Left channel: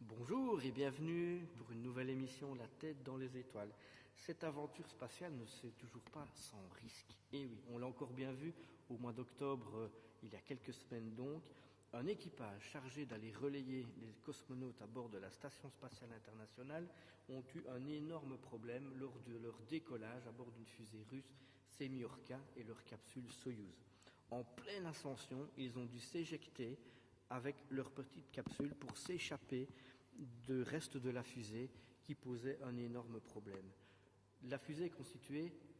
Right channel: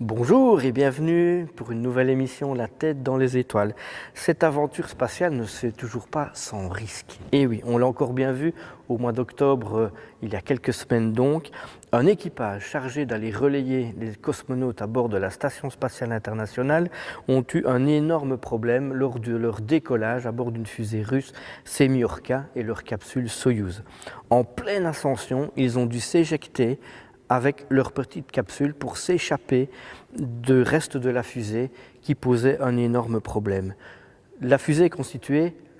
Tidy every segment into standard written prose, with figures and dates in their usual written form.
Bonjour et bienvenue pour une nouvelle émission La tête dans les étoiles. Cette aventure spatiale ne se fait toujours pas sans risque. Et oui, on l'a encore bien vu au mois d'octobre, il y a quelques semaines donc, un équipage chargé d'aller relayer les cosmonautes à bord de la Station spatiale internationale ont eu un énorme problème lors de leur décollage à bord d'une fusée russe Semyorka et leur capsule Soyouz. En pleine ascension, ils ont dû s'éjecter avec leur petite capsule pour s'échapper du reste de la fusée qui posait un énorme problème. La fusée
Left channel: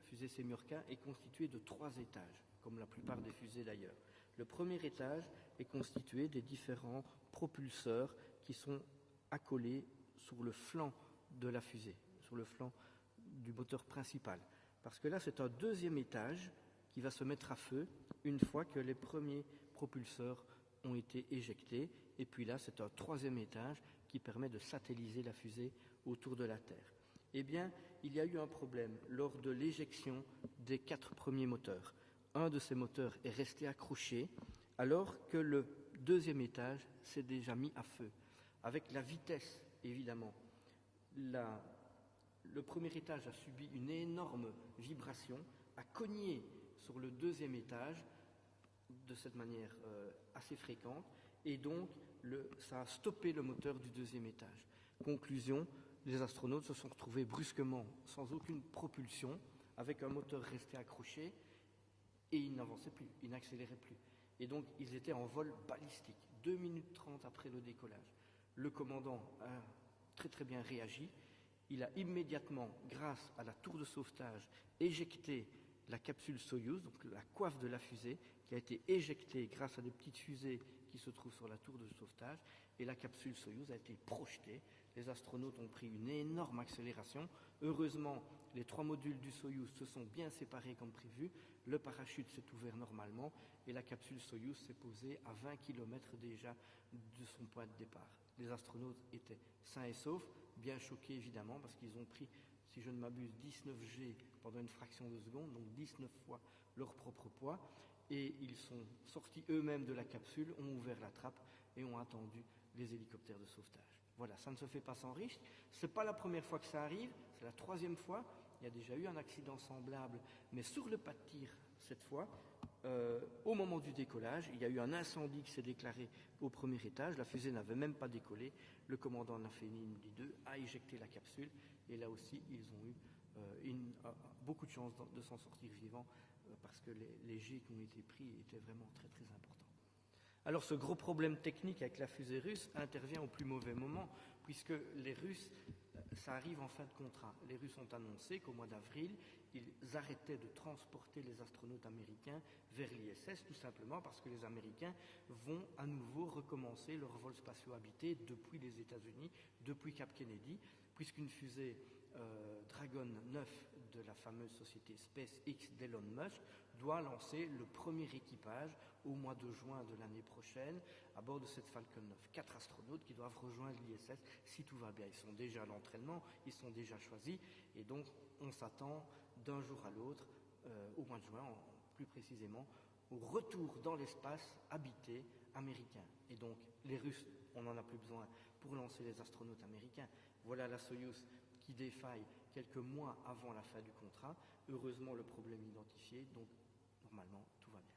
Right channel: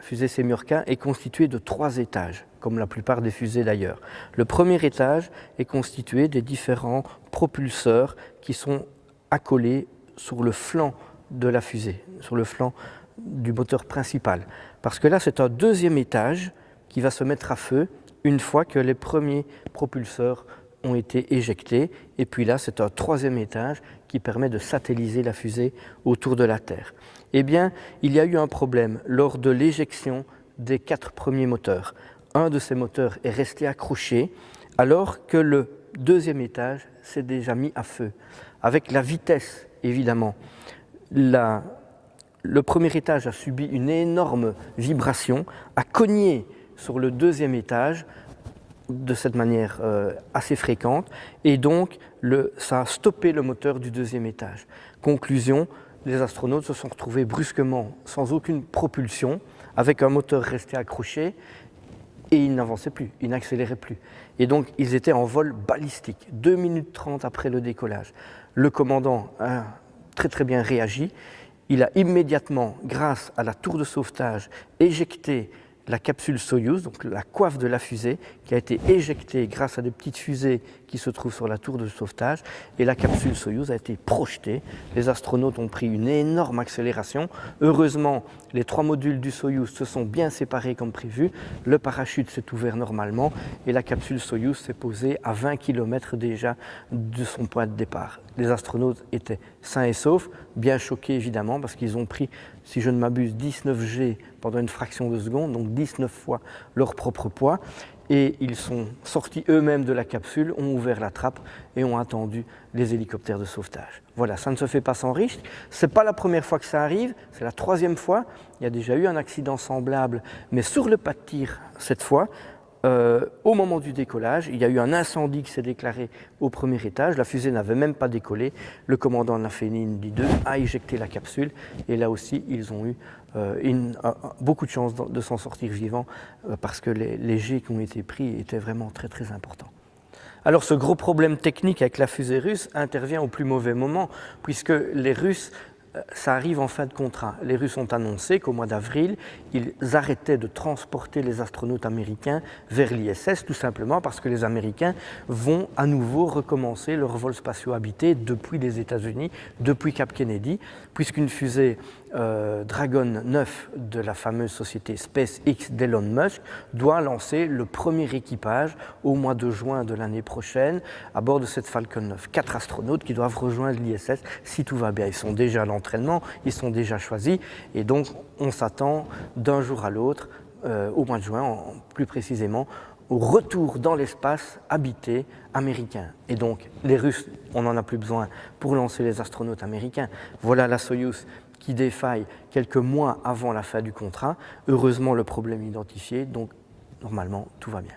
fusée Semyorka, est constituée de 3 étages, comme la plupart des fusées d'ailleurs. Le premier étage est constitué des différents propulseurs qui sont accolés sur le flanc de la fusée, sur le flanc du moteur principal. Parce que là, c'est un deuxième étage qui va se mettre à feu une fois que les premiers propulseurs ont été éjectés. Et puis là, c'est un troisième étage qui permet de satelliser la fusée autour de la Terre. Eh bien, il y a eu un problème lors de l'éjection des 4 premiers moteurs. Un de ces moteurs est resté accroché alors que le deuxième étage s'est déjà mis à feu. Avec la vitesse, évidemment, le premier étage a subi une énorme vibration, a cogné sur le deuxième étage de cette manière assez fréquente, et donc ça a stoppé le moteur du deuxième étage. Conclusion, les astronautes se sont retrouvés brusquement sans aucune propulsion, avec un moteur resté accroché, et ils n'avançaient plus, ils n'accéléraient plus. Et donc ils étaient en vol balistique, 2 minutes 30 après le décollage. Le commandant a très bien réagi, il a immédiatement, grâce à la tour de sauvetage, éjecté la capsule Soyouz, donc la coiffe de la fusée, qui a été éjectée grâce à des petites fusées qui se trouvent sur la tour de sauvetage, et la capsule Soyouz a été projetée. Les astronautes ont pris une énorme accélération. Heureusement, les 3 modules du Soyouz se sont bien séparés comme prévu, le parachute s'est ouvert normalement, et la capsule Soyouz s'est posée à 20 km déjà de son point de départ. Les astronautes étaient sains et saufs, bien choqués évidemment, parce qu'ils ont pris, si je ne m'abuse, 19 G pendant une fraction de seconde, donc 19 fois leur propre poids, et ils sont sortis eux-mêmes de la capsule, ont ouvert la trappe et ont attendu les hélicoptères de sauvetage. Voilà, ça ne se fait pas sans risque. Ce n'est pas la première fois que ça arrive, c'est la 3e fois. Il y a déjà eu un accident semblable, mais sur le pas de tir cette fois. Au moment du décollage, il y a eu un incendie qui s'est déclaré au premier étage. La fusée n'avait même pas décollé. Le commandant Nafénine 2 a éjecté la capsule. Et là aussi, ils ont eu beaucoup de chance de s'en sortir vivants parce que les jets qui ont été pris étaient vraiment très importants. Alors ce gros problème technique avec la fusée russe intervient au plus mauvais moment puisque les Russes, ça arrive en fin de contrat. Les Russes ont annoncé qu'au mois d'avril, ils arrêtaient de transporter les astronautes américains vers l'ISS, tout simplement parce que les Américains vont à nouveau recommencer leurs vols spatiaux habités depuis les États-Unis, depuis Cap Kennedy, puisqu'une fusée Dragon 9 de la fameuse société SpaceX d'Elon Musk doit lancer le premier équipage au mois de juin de l'année prochaine à bord de cette Falcon 9. 4 astronautes qui doivent rejoindre l'ISS si tout va bien. Ils sont déjà à l'entraînement, ils sont déjà choisis et donc on s'attend d'un jour à l'autre, au mois de juin plus précisément, au retour dans l'espace habité américain. Et donc les Russes, on n'en a plus besoin pour lancer les astronautes américains. Voilà la Soyouz qui défaille quelques mois avant la fin du contrat. Heureusement, le problème identifié, donc normalement, tout va bien.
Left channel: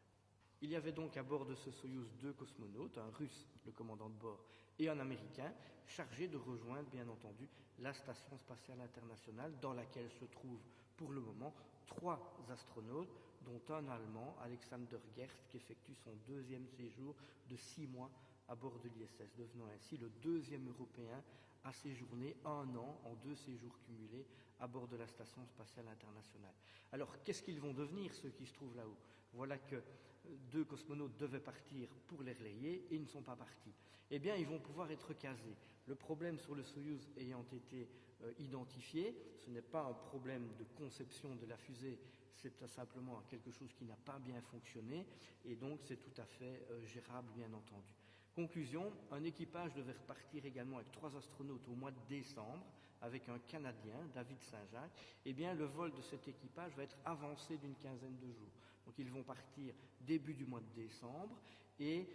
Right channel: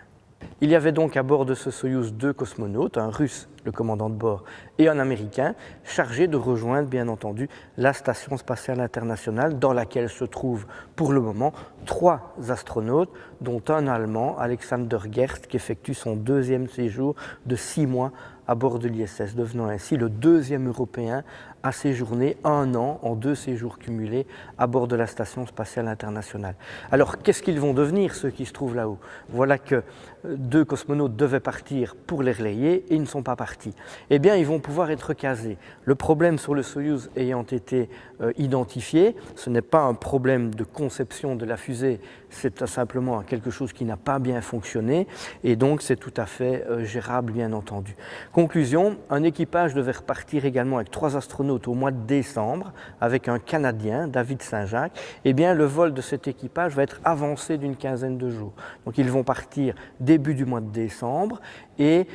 Il y avait donc à bord de ce Soyouz 2 cosmonautes, un Russe, le commandant de bord, et un Américain, chargés de rejoindre, bien entendu, la Station spatiale internationale, dans laquelle se trouvent, pour le moment, 3 astronautes, dont un Allemand, Alexander Gerst, qui effectue son 2e séjour de 6 mois à bord de l'ISS, devenant ainsi le 2e Européen à séjourner 1 an en 2 séjours cumulés à bord de la Station spatiale internationale. Alors, qu'est-ce qu'ils vont devenir, ceux qui se trouvent là-haut? Voilà que 2 cosmonautes devaient partir pour les relayer et ils ne sont pas partis. Eh bien, ils vont pouvoir être casés. Le problème sur le Soyouz ayant été identifié, ce n'est pas un problème de conception de la fusée, c'est simplement quelque chose qui n'a pas bien fonctionné et donc c'est tout à fait gérable, bien entendu. Conclusion, un équipage devait repartir également avec 3 astronautes au mois de décembre avec un Canadien, David Saint-Jacques. Eh bien, le vol de cet équipage va être avancé d'une quinzaine de jours. Donc, ils vont partir début du mois de décembre et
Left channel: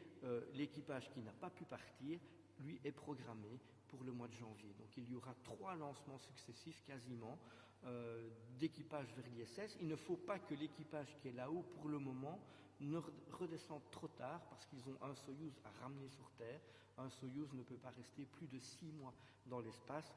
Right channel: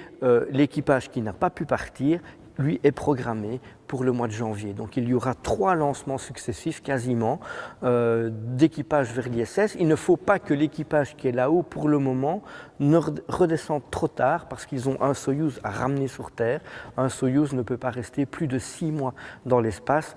l'équipage qui n'a pas pu partir lui, est programmé pour le mois de janvier. Donc il y aura 3 lancements successifs quasiment d'équipage vers l'ISS. Il ne faut pas que l'équipage qui est là-haut pour le moment ne redescende trop tard parce qu'ils ont un Soyouz à ramener sur Terre. Un Soyouz ne peut pas rester plus de 6 mois dans l'espace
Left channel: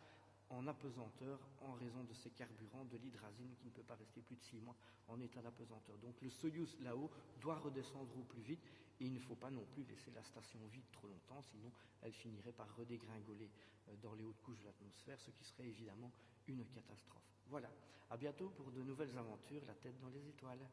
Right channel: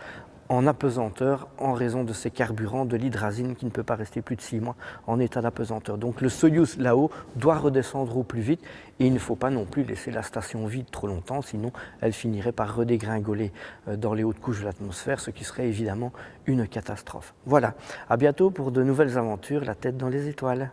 en apesanteur en raison de ses carburants, de l'hydrazine qui ne peut pas rester plus de 6 mois en état d'apesanteur. Donc le Soyouz là-haut doit redescendre au plus vite et il ne faut pas non plus laisser la station vide trop longtemps, sinon elle finirait par redégringoler dans les hautes couches de l'atmosphère, ce qui serait évidemment une catastrophe. Voilà, à bientôt pour de nouvelles aventures, la tête dans les étoiles.